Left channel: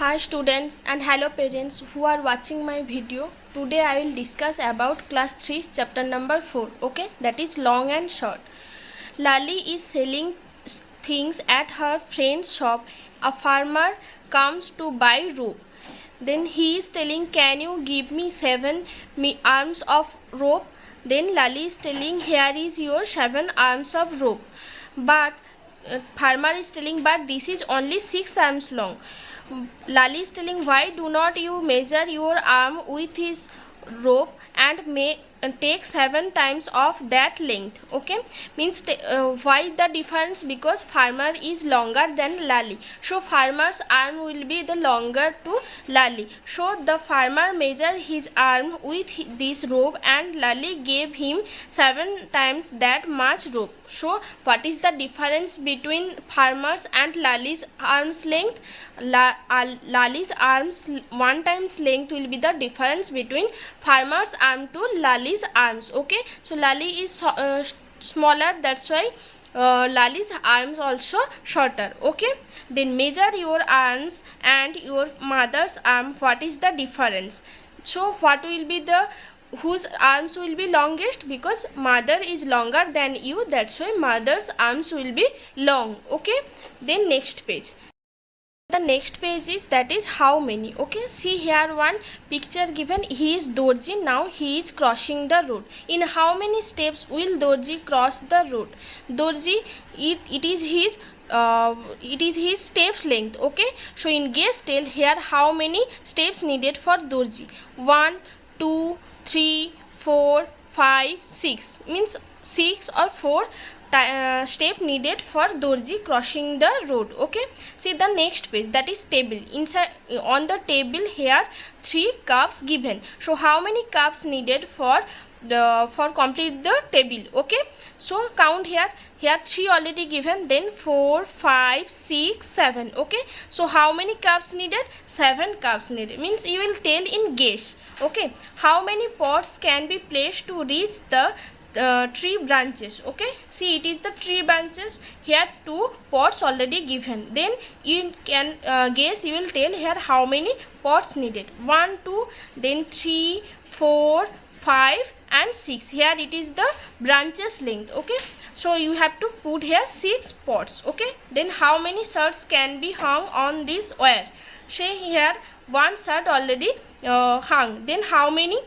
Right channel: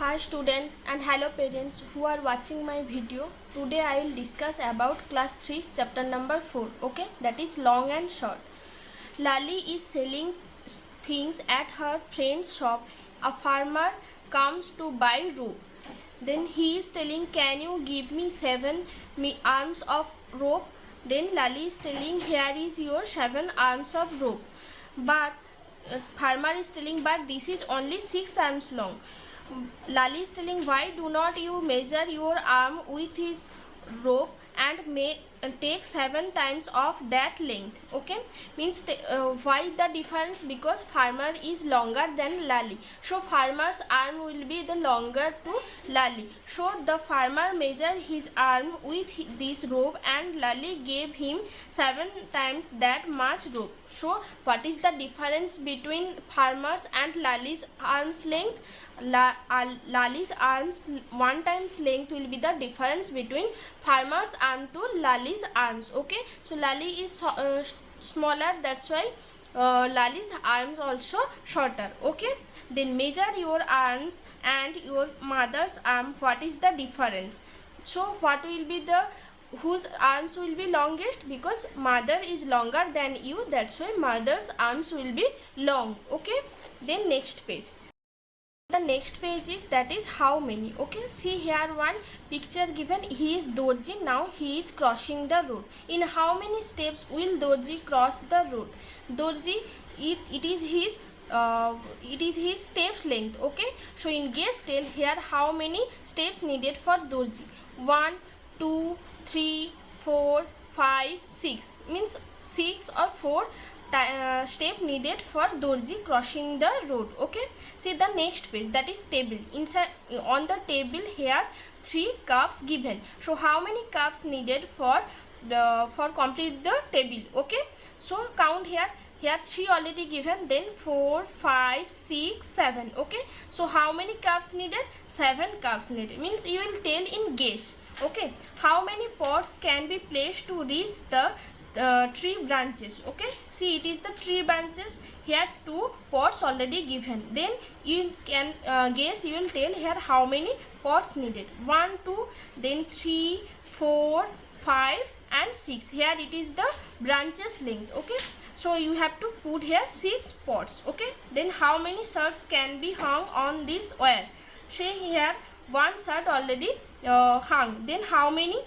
Hi students and hello parents who are watching my video. Today I will discuss about class 3 chapter number 4. Okay, that is long and short. Lali is selling things at her friend's shop. A farmer comes to buy rope. Then he is telling, can you give me 7 arms of rope? Then Lali is telling, here is your 7 arms of rope. But farmer is telling, but this is only 6 arms long. Lali is telling, why do not you measure your arm with his rope and take 7 times of that length? Okay, means why the difference? Because farmer is longer than Lali, so farmer's arm will be the longer to Lali, so the farmer measure his arm with this rope and Lali gave him 7 times that much rope. So what is the difference between farmer's and Lali's arm's length? Lali's arms 1 times length will be the difference between farmer's arm to Lali's arms. Okay, so Lali is smaller, that's why Lali's arms also shorter. Okay, then measure your arms and your mother's arm. What is the difference? So what will be the whose arms will be longest? Because mother is longer than you, that's why mother's arms will be long. Okay, then next page. The next page is, that is how many. Okay, see here one picture given. He is Dorji. Now he is crossing the road. In how many steps will Dorji cross the road? Dorji, it is his steps length. Okay, so in guess tell here how many steps needed for Dorji. 1 2 3 4 5 6, means 6 or 4 step needed for Dorji crossing the road. Okay, see the next page, that is table. Inside on the table here 3 cups given. So how many cups needed for complete the table? Okay, so count here 3 already given, then 4 5 6 7. Okay, so how many cups needed? 7 cups needed, means you will tell in guess. Okay, how many pots can be placed to reach the tree branches? Okay, see it is the tree branches. Here 2 pots already given, then you can guess, you will tell here how many pots needed. 1 2, then 3 4 5 and 6. Here it is the branches length. Okay, so you have to put here 6 pots. Okay, then how many shirts can be hung on this wire? Say here 1 shirt already hung, then how many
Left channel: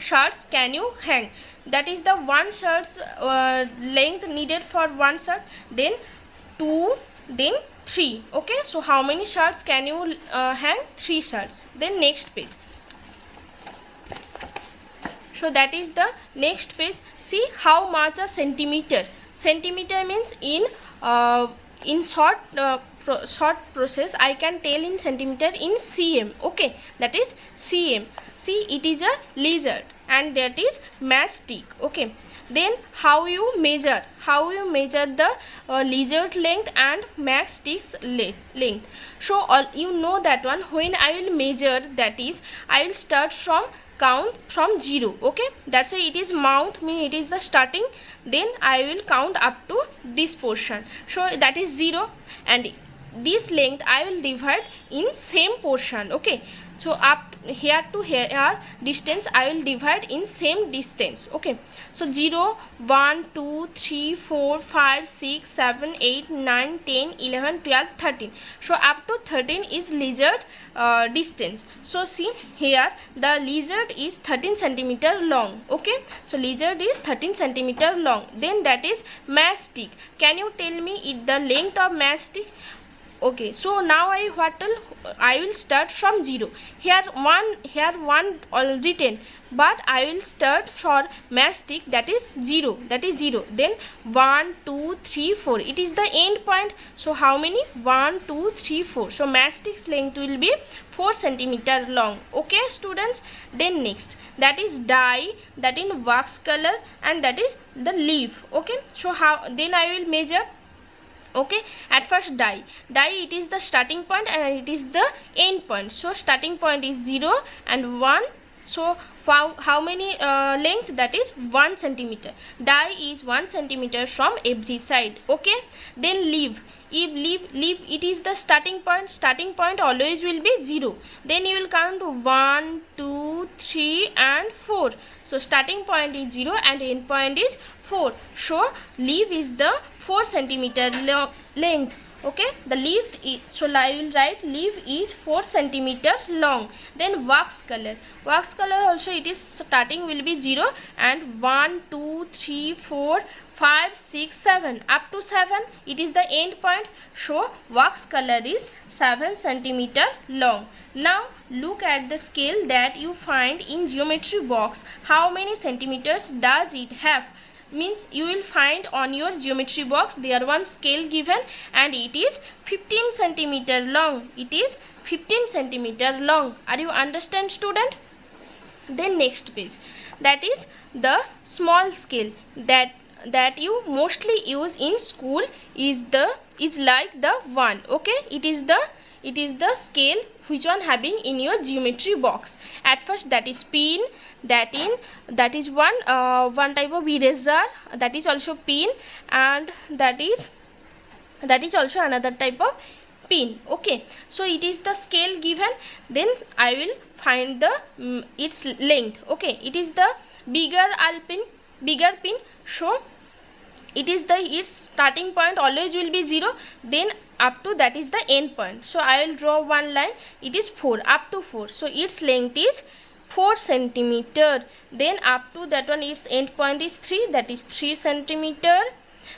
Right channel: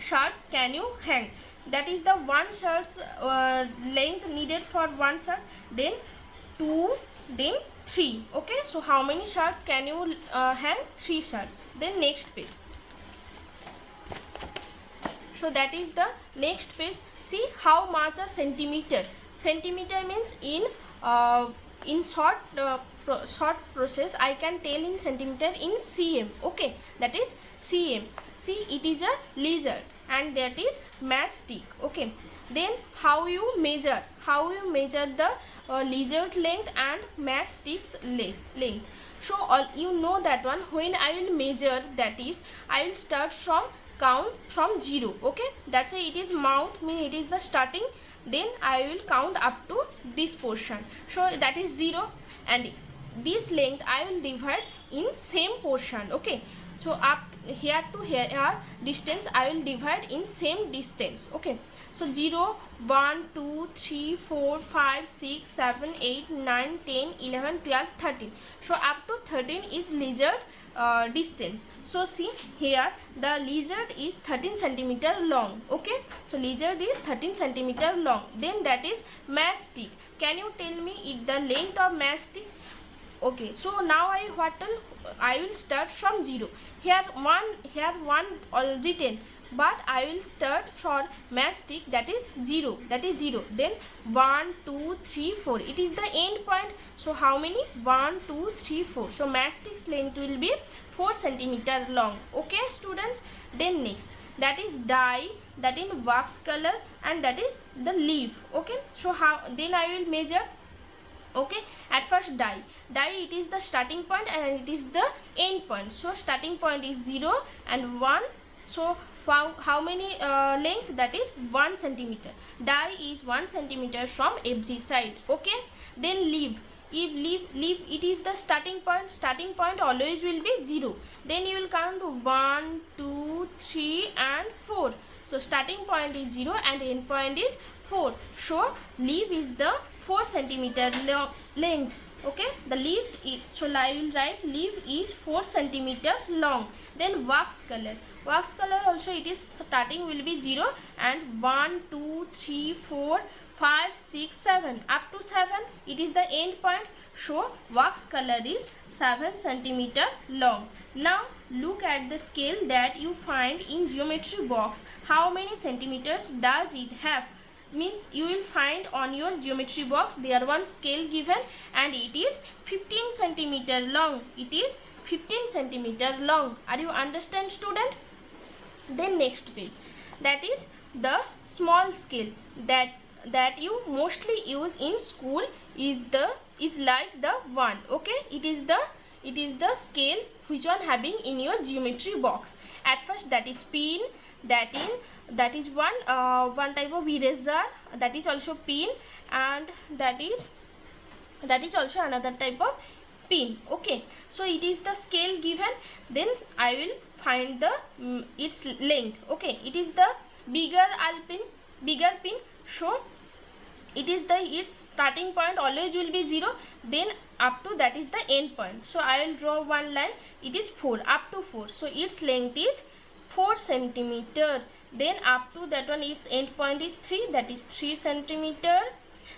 shirts can you hang? That is the 1 shirt's length needed for 1 shirt, then 2, then 3. Okay, so how many shirts can you hang? 3 shirts. Then next page. So that is the next page. See how much a centimeter. Centimeter means in short process I can tell in centimeter in cm. Okay, that is cm. See it is a lizard and that is matchstick. Okay, then how you measure the lizard length and matchstick's length. So you know that one. When I will measure, that is I will start from count from 0. Okay, that's why it is mouth, mean it is the starting, then I will count up to this portion, so that is 0, and this length I will divide in same portion. Okay, so up here to here distance I will divide in same distance. Okay, so 0 1 2 3 4 5 6 7 8 9 10 11 12 13. So up to 13 is lizard distance. So see here the lizard is 13 centimeter long. Okay, so lizard is 13 centimeter long. Then that is matchstick. Can you tell me the length of matchstick? Okay, so now I will start from 0. Here one written, but I will start for matchstick, that is 0, then 1 2 3 4, it is the end point. So how many? 1 2 3 4. So matchstick's length will be 4 centimeter long. Okay students, then next, that is dye, that in wax color, and that is the leaf. Okay, so how then I will measure. Okay, at first dye it is the starting point and it is the end point. So starting point is 0 and 1, So how many length? That is 1 centimeter. Die is 1 centimeter from every side. Okay. Then leaf. If leaf, it is the starting point. Starting point always will be 0. Then you will count 1, 2, 3 and 4. So starting point is 0 and end point is 4. So leaf is the 4 centimeter length. Okay, the leaf is, so I will write leaf is 4 centimeter long. Then wax color. Wax color also, it is starting will be 0 and 1, 2, 3, 4, 5, 6, 7. Up to 7 it is the end point. So wax color is 7 centimeter long. Now look at the scale that you find in geometry box. How many centimeters does it have? Means you will find on your geometry box there one scale given and it is 15 centimeter long. It is 15 centimeter long. Are you understand, student? Then next page, that is the small scale that you mostly use in school is like the one. Okay, it is the scale which one having in your geometry box. At first, that is pin, that is one type of eraser, that is also pin, and that is also another type of pin. Okay, so it is the scale given. Then I will find the its length. Okay, it is the bigger pin. So it is its starting point always will be 0, then up to that is the end point. So I will draw one line. It is 4, up to 4. So its length is 4 centimeter. Then up to that one, its end point is 3, that is 3 centimeter.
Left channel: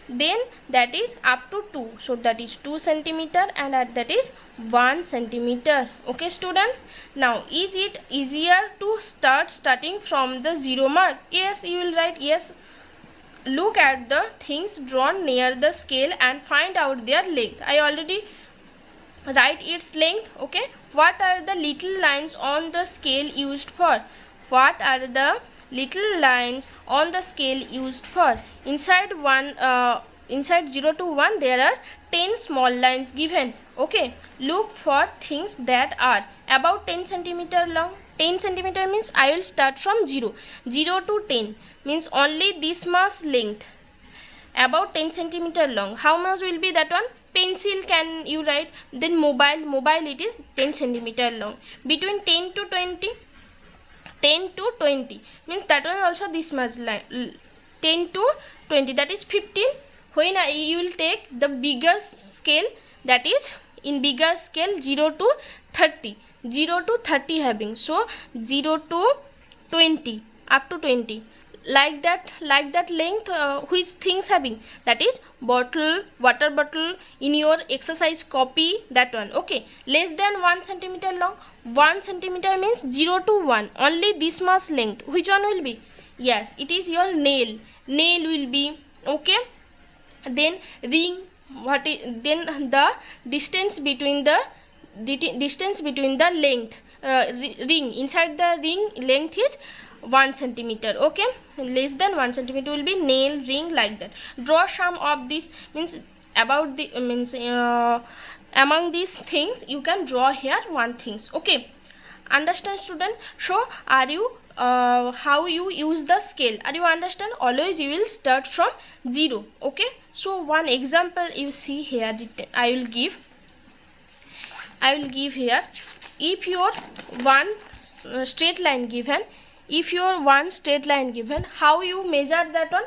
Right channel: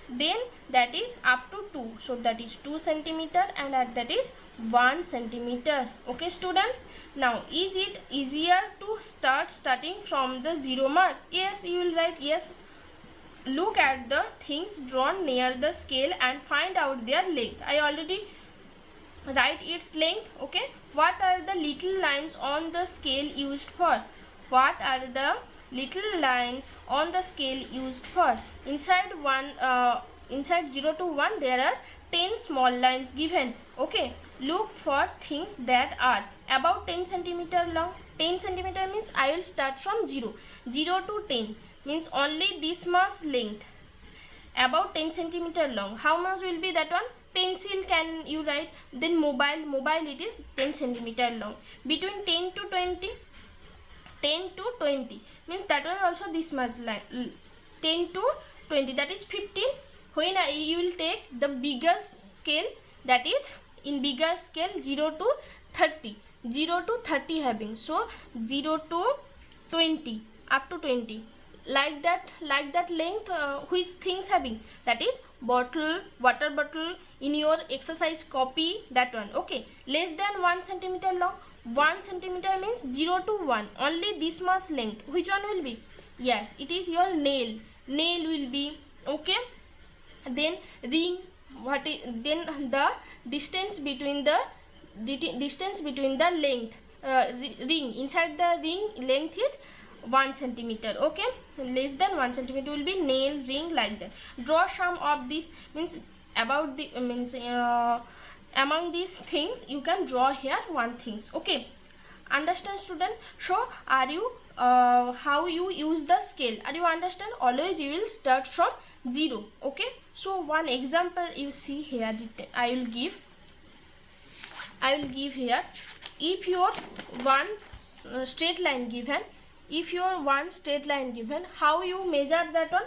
Then that is up to 2, so that is 2 centimeter, and that is 1 centimeter. Okay, students, now is it easier to starting from the 0 mark? Yes, you will write yes. Look at the things drawn near the scale and find out their length. I already write its length. Okay, what are the little lines on the scale used for? What are the little lines on the scale used for? Inside 0 to 1 there are 10 small lines given. Okay, look for things that are about 10 centimeter long. 10 centimeter means I will start from 0 to 10 means only this much length, about 10 centimeter long. How much will be that one? Pencil can you write. Then mobile it is 10 centimeter long. Between 10 to 20 means that one also this much line. 10 to 20, that is 15. When you will take the bigger scale, that is in bigger scale 0 to 30. 0 to 30 having. So 0 to 20, up to 20. Like that length, which things having? That is bottle, water bottle, in your exercise copy, that one. Okay, less than 1 centimeter long. 1 centimeter means 0 to 1, only this much length. Which one will be? Yes, it is your nail will be. Okay, then ring. What is then the distance between the length, ring, inside the ring length is 1 centimeter. Okay, less than 1 centimeter will be nail, ring, like that. Draw some of this, means about the among these things you can draw here one things. Okay, understand, student? So are you how you use the scale? Are you understand? Always you will start from 0. Okay, so one example you see here, I will give here. If your one straight line given, how you measure that one?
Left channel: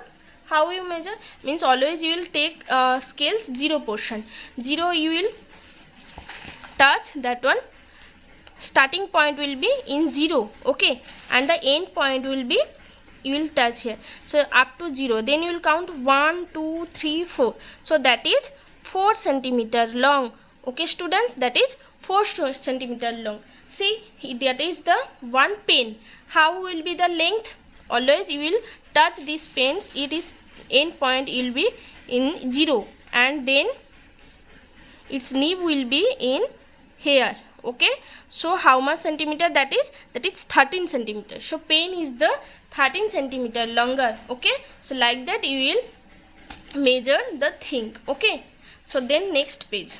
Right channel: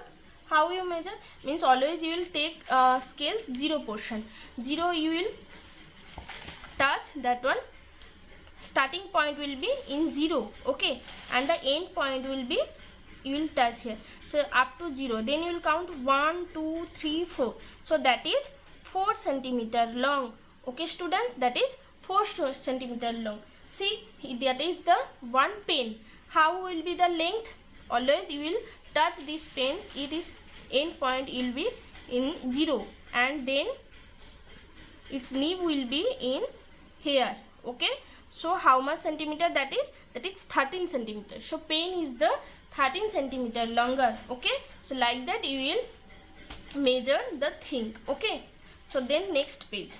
How you measure? Means always you will take scales 0 portion. 0 you will touch that one. Starting point will be in 0. Okay, and the end point will be, you will touch here. So up to 0. Then you will count 1, 2, 3, 4. So that is 4 centimeter long. Okay, students, that is 4 centimeter long. See, that is the one pen. How will be the length? Always you will touch these pens. It is end point will be in 0, and then its nib will be in here. Okay, so how much centimeter that is? That is 13 centimeter. So pen is the 13 centimeter longer. Okay, so like that you will measure the thing. Okay, so then next page.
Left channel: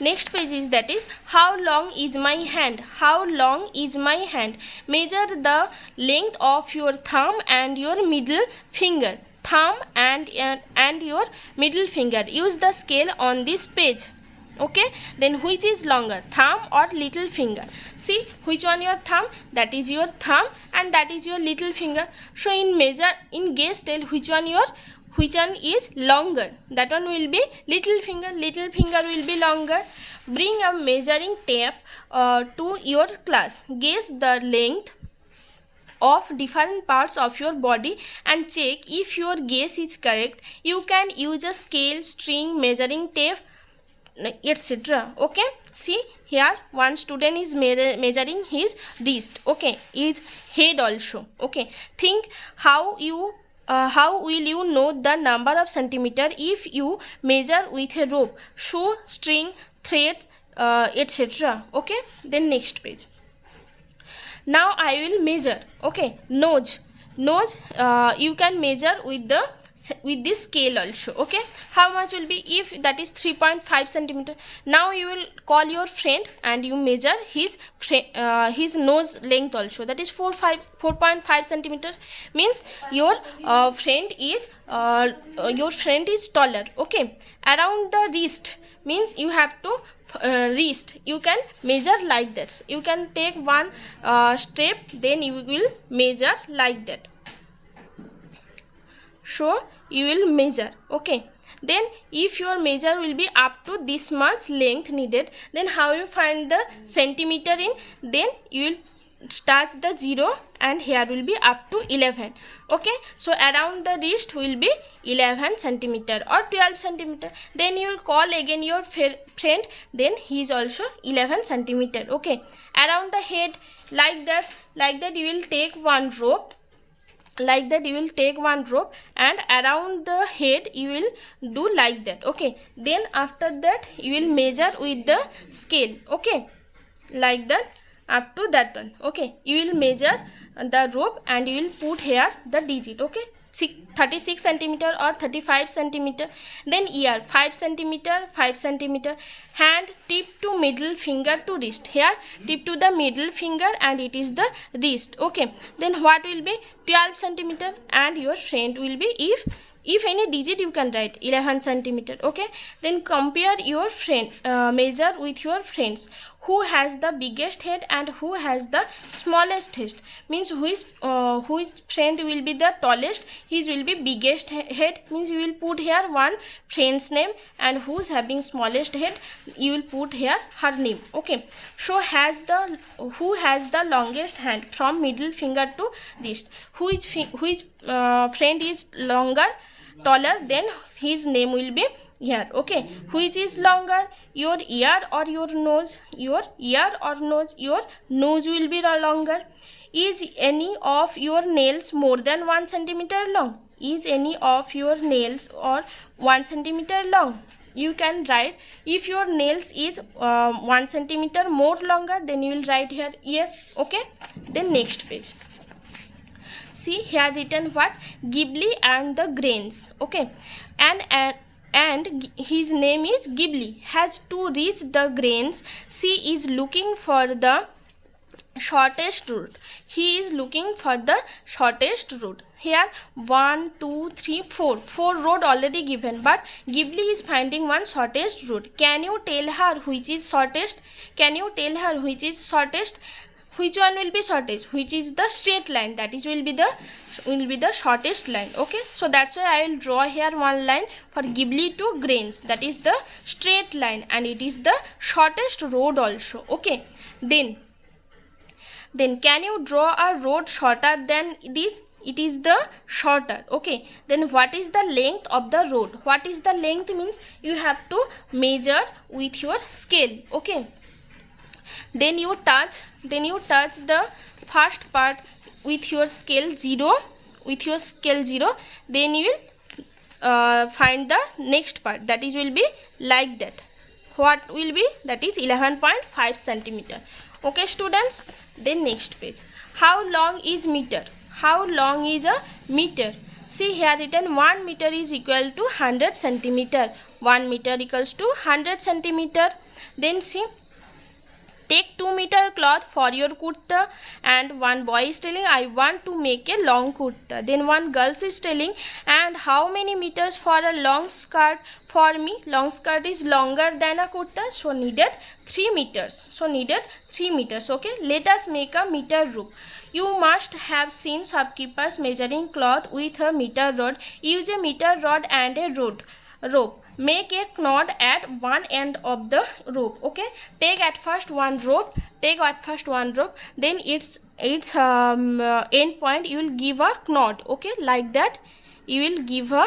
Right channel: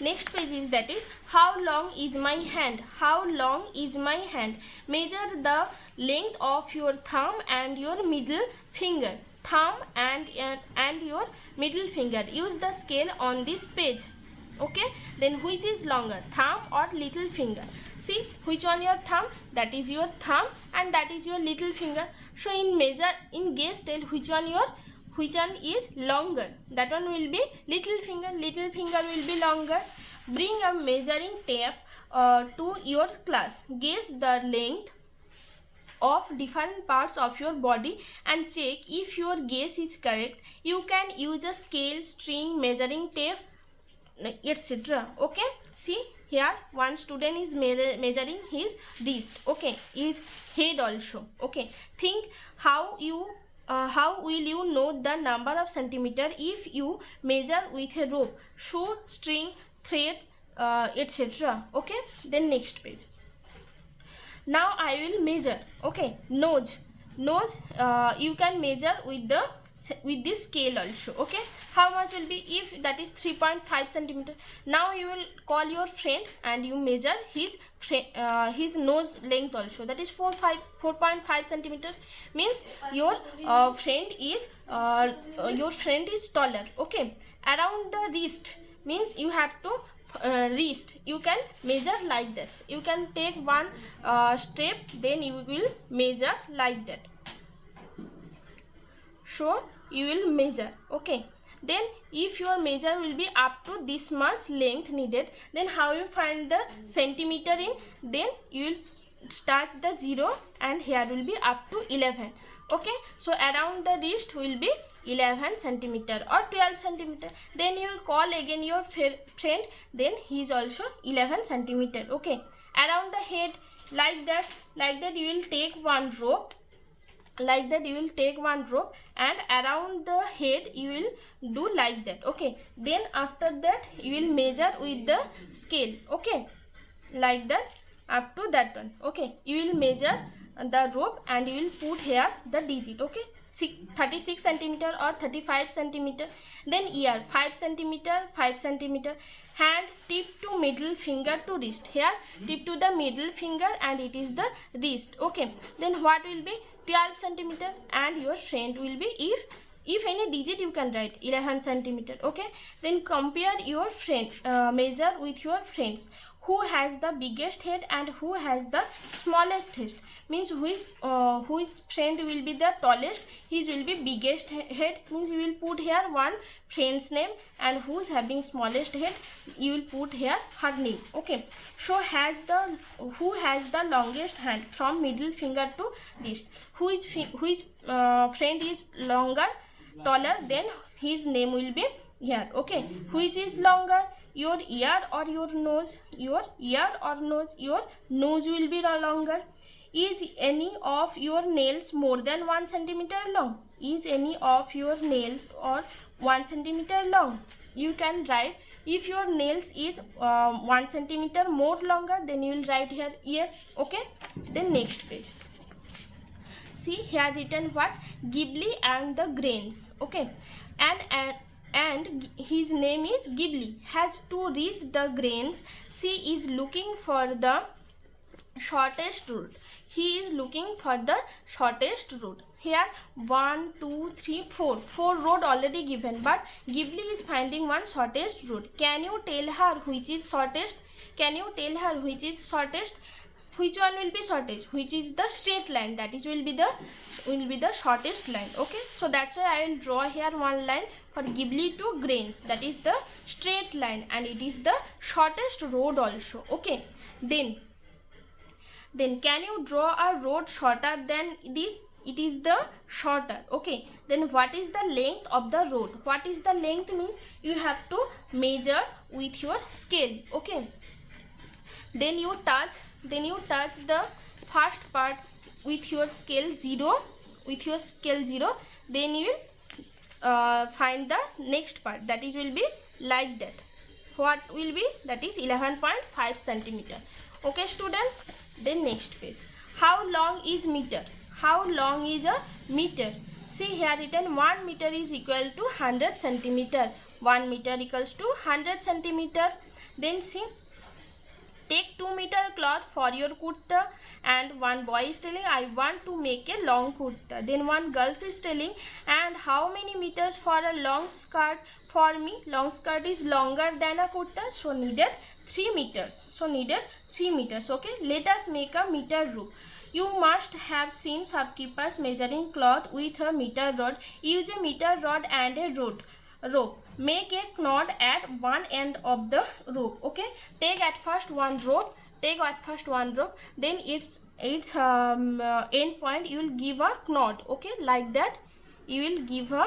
next page is that is how long is my hand. How long is my hand? Measure the length of your thumb and your middle finger. Thumb and your middle finger. Use the scale on this page. Okay, then which is longer, thumb or little finger? See which one your thumb, that is your thumb, and that is your little finger. So in guess tell which one is longer. That one will be little finger. Little finger will be longer. Bring a measuring tape to your class. Guess the length of different parts of your body and check if your guess is correct. You can use a scale, string, measuring tape, etc. Okay, see here one student is measuring his wrist. Okay, his head also. Okay, think how will you know the number of centimeter if you measure with a rope, shoe, string, thread, etc. Okay, then next page. Now I will measure. Okay, nose you can measure with this scale also. Okay, how much will be? If that is 3.5 centimeter. Now you will call your friend and you measure his nose length also, that is 4.5 centimeter. Means your friend is taller. Okay, around the wrist means you have to wrist you can measure like that. You can take one step, then you will measure like that. So you will measure. Okay, then if your measure will be up to this much length needed, then how you find the centimeter in? Then you will touch the 0 and here will be up to 11. Okay, so around the wrist will be 11 centimeter or 12 centimeter. Then you will call again your friend, then he is also 11 centimeter. Okay, around the head like that you will take one rope. Like that you will take one rope and around the head you will do like that. Okay, then after that you will measure with the scale. Okay, like that up to that one. Okay, you will measure the rope and you will put here the digit. Okay, 36 centimeter or 35 centimeter. Then ear 5 centimeter, 5 centimeter. Hand tip to middle finger to wrist. Here tip to the middle finger and it is the wrist. Okay, then what will be? 12 centimeter and your friend will be, if any digit you can write 11 centimeter. Okay, then compare your friend measure with your friends. Who has the biggest head and who has the smallest head? Means whose friend will be the tallest, his will be biggest head. Means you will put here one friend's name, and who's having smallest head you will put here her name. Okay, so who has the longest hand from middle finger to wrist? Which friend is taller, then his name will be here. Okay, which is longer, your ear or your nose? Your ear or nose? Your nose will be longer. Is any of your nails more than 1 centimeter long? Is any of your nails or 1 centimeter long? You can write. If your nails is 1 centimeter more longer, then you will write here yes. Okay, then next page. See here written what? Ghibli and the grains. Okay, and his name is Ghibli has to reach the grains. She is looking for the shortest route. He is looking for the shortest route. Here 1 2 3 4 road already given, but Ghibli is finding one shortest route. Can you tell her which is shortest? Can you tell her which is shortest? Which one will be shortest? Which is the straight line, that is will be the shortest line. Okay, so that's why I will draw here one line for Ghibli to grains, that is the straight line and it is the shortest road also. Okay, then can you draw a road shorter than this? It is the shorter. Okay, then what is the length of the road? What is the length? Means you have to measure with your scale. Okay, then you touch the first part with your scale 0, then you will find the next part, that is will be like that. What will be? That is 11.5 centimeter. Okay students, then next page. How long is meter? How long is a meter? See here written 1 meter is equal to 100 centimeter. 1 meter equals to 100 centimeter. Then see, take 2 meter cloth for your kurta, and one boy is telling I want to make a long kurta. Then one girl is telling, and how many meters for a long skirt for me? Long skirt is longer than a kurta, so needed 3 meters. So needed 3 meters. Okay, let us make a meter rope. You must have seen shopkeepers measuring cloth with a meter rod. Use a meter rod and a rope. Make a knot at one end of the rope. Okay, take at first one rope, then its end point you will give a knot. Okay, like that you will give a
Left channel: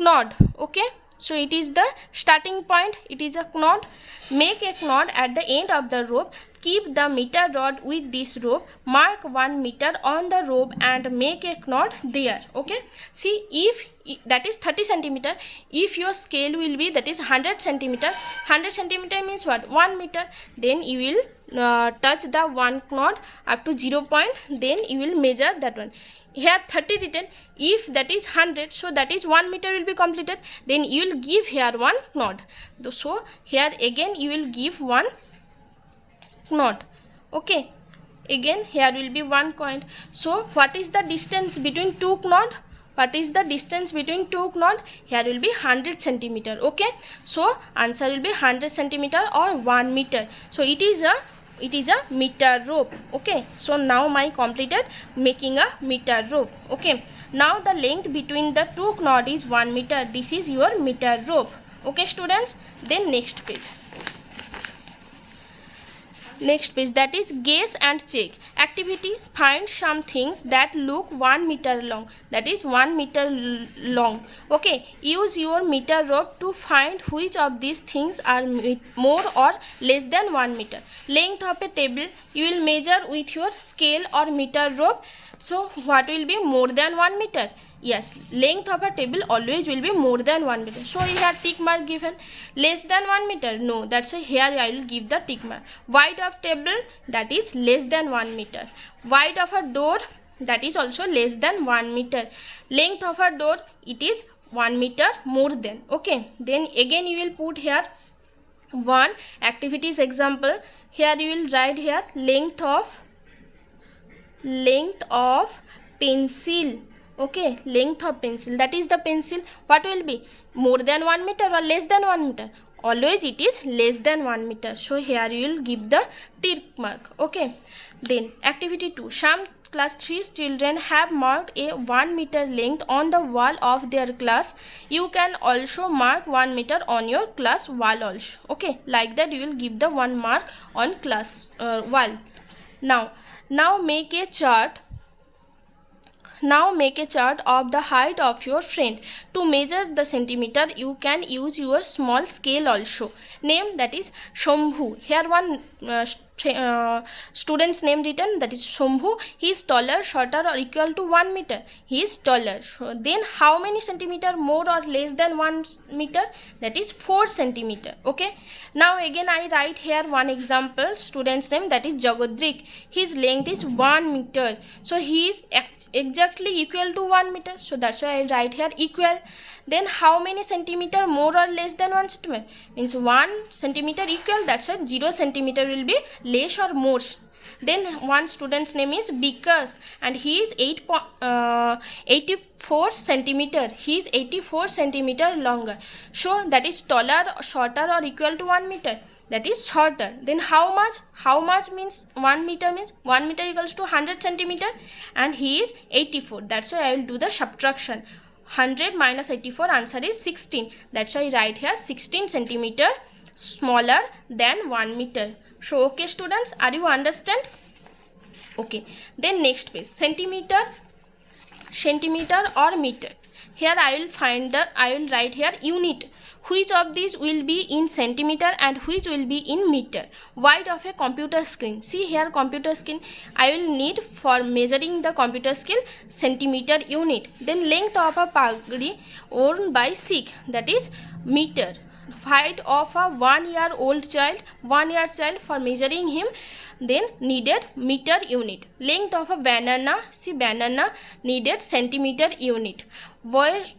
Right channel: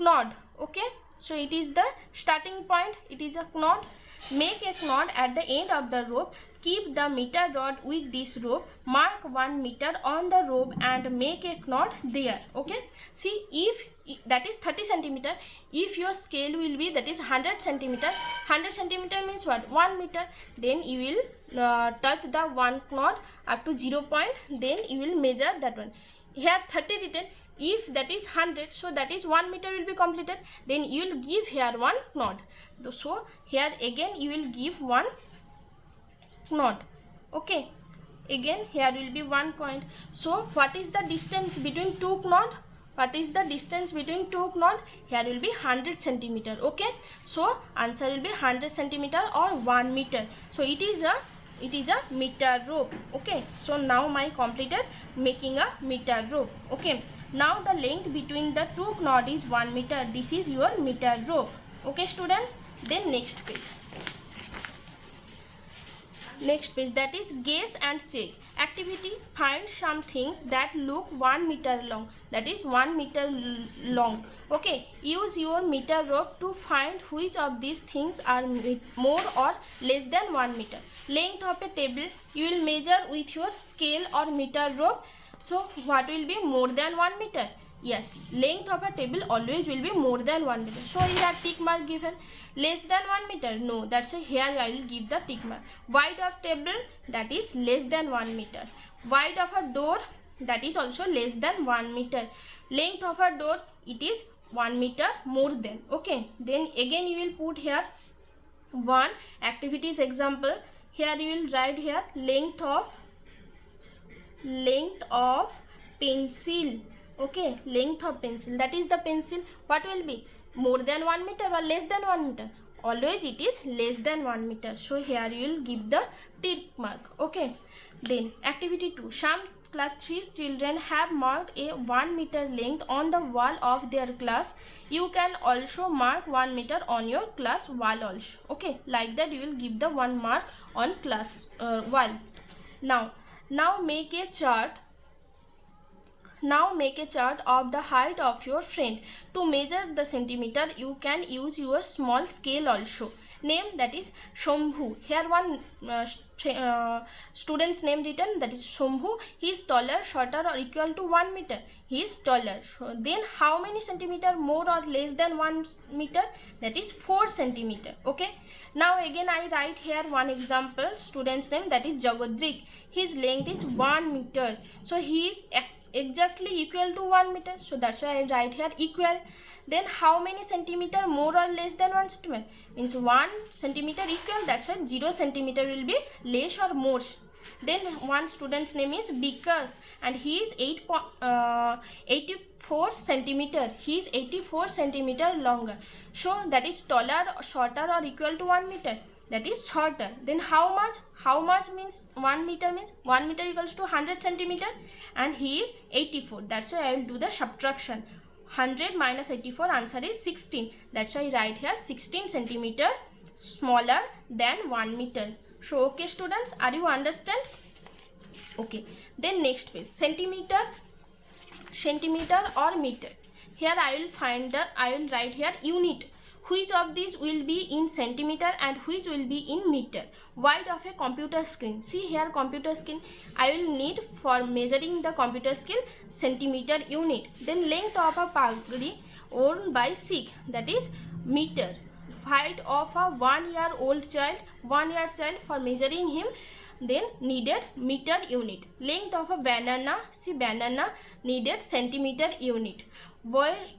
knot. Okay, so it is the starting point, it is a knot. Make a knot at the end of the rope. Keep the meter rod with this rope. Mark 1 meter on the rope and make a knot there. Okay, see, if that is 30 centimeter, if your scale will be that is 100 centimeter, 100 centimeter means what? 1 meter. Then you will touch the one knot up to 0 point, then you will measure that one. Here 30 written, if that is 100, so that is 1 meter will be completed. Then you will give here one knot. So here again you will give one knot. Okay, again here will be 1 point. So what is the distance between two knot? What is the distance between two knot? Here will be 100 centimeter. Okay, so answer will be 100 centimeter or 1 meter. So it is a meter rope. Okay, so now my completed making a meter rope. Okay, now the length between the two knot is 1 meter. This is your meter rope. Okay students, then next page, that is guess and check activity. Find some things that look 1 meter long, that is 1 meter long. Okay, use your meter rope to find which of these things are more or less than 1 meter. Length of a table you will measure with your scale or meter rope. So what will be more than 1 meter? Yes, length of a table always will be more than 1 meter. So here tick mark given. Less than 1 meter, no, that's why here I will give the tick mark. Width of table, that is less than 1 meter. Width of a door, that is also less than 1 meter. Length of a door, it is 1 meter more than. Okay, then again you will put here one activities example. Here you will write here length of pencil. Okay, length of pencil, that is the pencil, what will be more than 1 meter or less than 1 meter? Always it is less than 1 meter. So here you will give the tick mark. Okay, then activity 2. Some class 3 children have marked a 1 meter length on the wall of their class. You can also mark 1 meter on your class wall also. Okay, like that you will give the 1 mark on class wall. Now make a chart. Now make a chart of the height of your friend. To measure the centimeter, you can use your small scale also. Name, that is Shambhu. Here one student's name written, that is Shambhu. He is taller, shorter or equal to 1 meter. He is taller. So then how many centimeter more or less than 1 meter? That is 4 centimeter. Okay. Now again I write here one example. Student's name, that is Jagadrik. His length is 1 meter. So he is exactly equal to 1 meter. So that's why I write here equal. Then how many centimeter more or less than 1 centimeter? Means 1 centimeter equal. That's why 0 centimeter will be less or more. Then one student's name is Bikas and he is 84 centimeter. He is 84 centimeter longer. So that is taller, shorter or equal to 1 meter. That is shorter. Then how much? How much means 1 meter means 1 meter equals to 100 centimeter and he is 84. That's why I will do the subtraction. 100 minus 84, answer is 16. That's why I write here 16 centimeter smaller than 1 meter. So okay students, are you understand? Okay, then next page, centimeter or meter. Here I will write here unit. Which of these will be in centimeter and which will be in meter? Width of a computer screen. See here computer screen. I will need for measuring the computer screen centimeter unit. Then length of a pagri worn by Sikh, that is meter. Height of a 1 year old child, 1 year child, for measuring him, then needed meter unit. Length of a banana, see banana, needed centimeter unit. Weight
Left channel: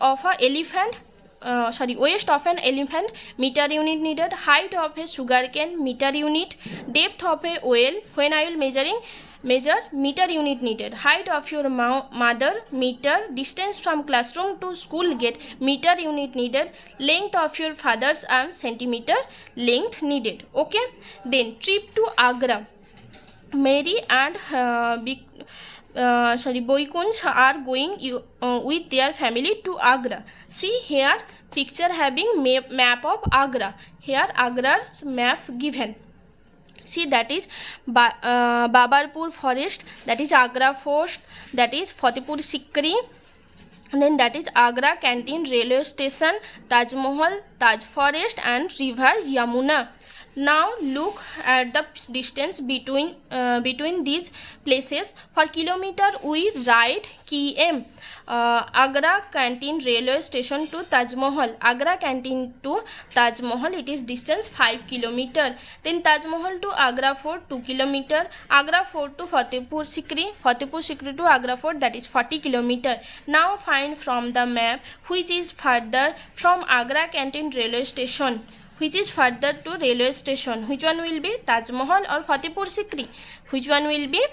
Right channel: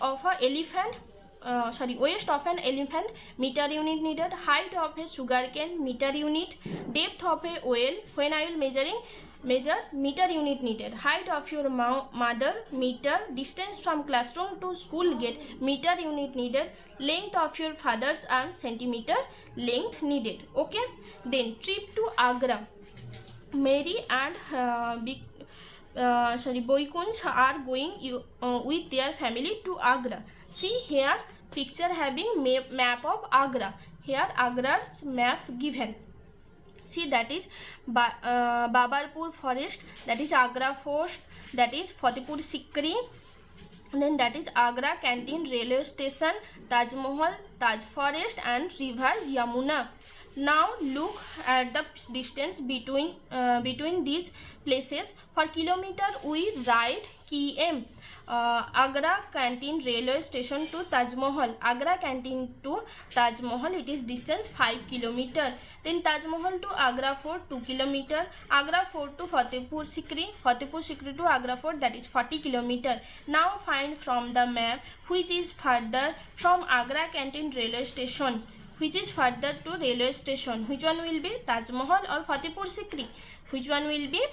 of a elephant, waist of an elephant, meter unit needed. Height of a sugarcane, meter unit. Depth of a well, when I will measure, meter unit needed. Height of your mother, meter. Distance from classroom to school gate, meter unit needed. Length of your father's arm, centimeter length needed. Okay, then trip to Agra. Mary and Boykunj are going with their family to Agra. See here picture having map of Agra. Here Agra's map given. See, that is Babarpur forest, that is Agra fort, that is Fatehpur Sikri, and then that is Agra canteen, railway station, Taj Mahal, Taj forest and river Yamuna. Now look at the distance between these places. For kilometer we write km. Agra canteen railway station to Taj Mahal. Agra canteen to Taj Mahal, it is distance 5 km. Then Taj Mahal to Agra fort 2 km. Agra fort to Fatehpur Sikri to Agra fort, that is 40 km. Now find from the map which is further from Agra canteen railway station. Which is further to railway station? Which one will be Taj Mahal or Fatehpur Sikri? Which one will be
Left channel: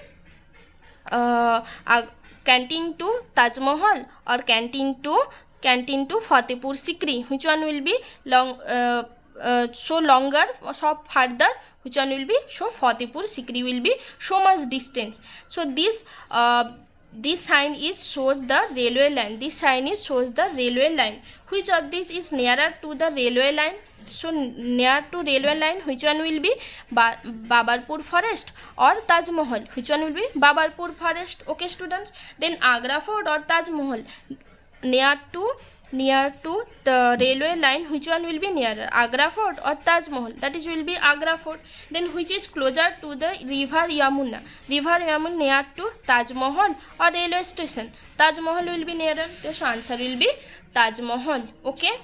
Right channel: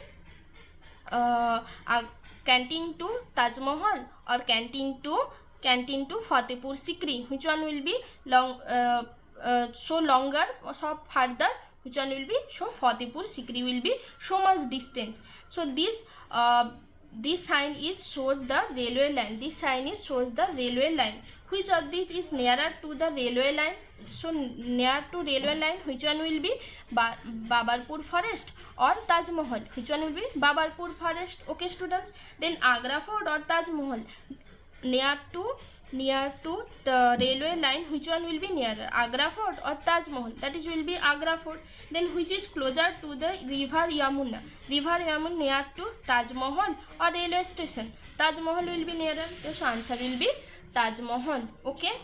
canteen to Taj Mahal or canteen to Fatehpur Sikri? Which one will be so longer, so further? Which one will be? So Fatehpur Sikri will be so much distance. So this sign is shows the railway line. This sign is shows the railway line. Which of these is nearer to the railway line? So near to railway line, which one will be? Babarpur forest or Taj Mahal? Which one will be? Babarpur forest. Okay students, then Agra fort or Taj Mahal? Near to the railway line, which one will be nearer? Agra fort or Taj Mahal? That is will be Agra fort. Then which is closer to the river Yamuna? River Yamuna near to Taj Mahal or railway station? Taj Mahal will be nearer. So answer will be Taj Mahal. Okay,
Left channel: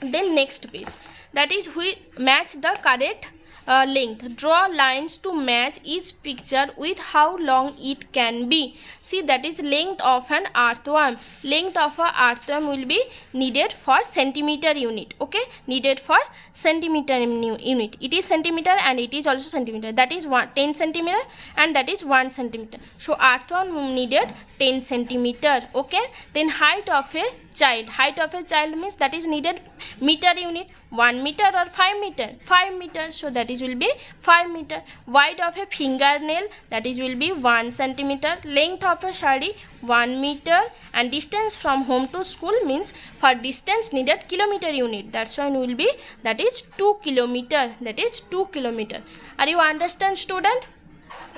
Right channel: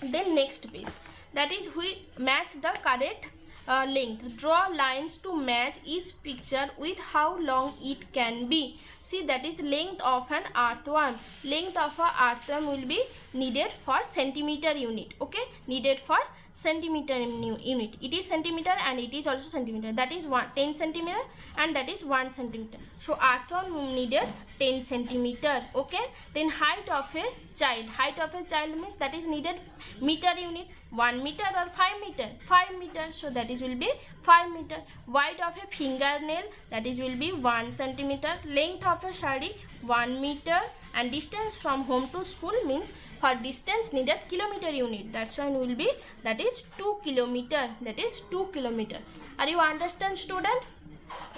then next page, that is we match the correct length. Draw lines to match each picture with how long it can be. See, that is length of an earthworm. Length of an earthworm will be needed for centimeter unit. Okay, needed for centimeter unit. It is centimeter and it is also centimeter. That is 10 centimeter and that is 1 centimeter. So earthworm needed 10 centimeter. Okay, then height of a child. Height of a child means that is needed meter unit. 1 meter or 5 meter? 5 meter. So that is will be 5 meter. Width of a fingernail, that is will be 1 centimeter. Length of a sari 1 meter, and distance from home to school means for distance needed kilometer unit. That's why will be that is 2 kilometer. That is 2 kilometer. Are you understand student?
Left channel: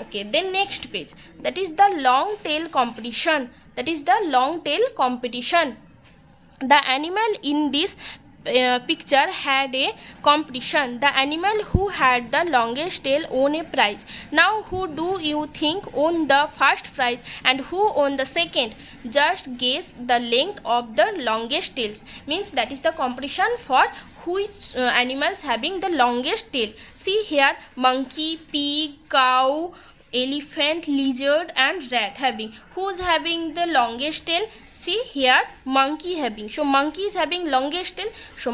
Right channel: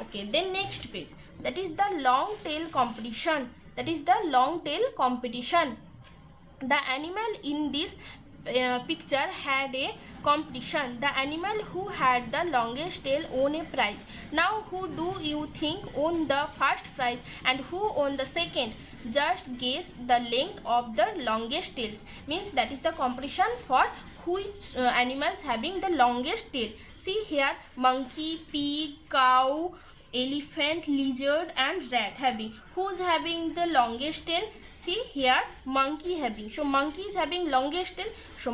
Okay, then next page, that is the long tail competition. That is the long tail competition. The animal in this picture had a competition. The animal who had the longest tail won a prize. Now who do you think won the first prize and who won the second? Just guess the length of the longest tails. Means that is the competition for which animals having the longest tail. See here, monkey, pig, cow, elephant, lizard and rat having. Who's having the longest tail? See here, monkey having. So monkey is having longest tail. So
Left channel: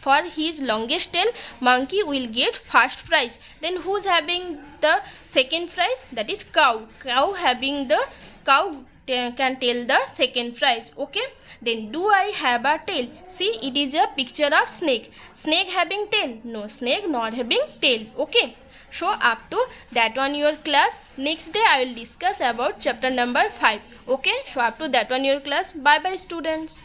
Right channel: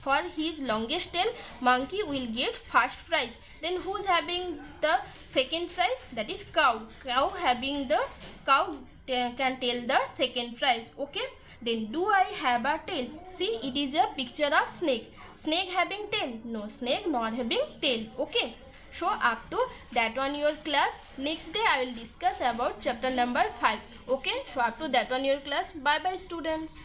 for his longest tail, monkey will get first prize. Then who's having the second prize? That is cow. Cow can tell the second prize. Okay, then do I have a tail? See, it is a picture of snake. Snake having tail? No, snake not having tail. Okay, so up to that one your class. Next day I will discuss about chapter number 5. Okay, so up to that one your class. Bye bye students.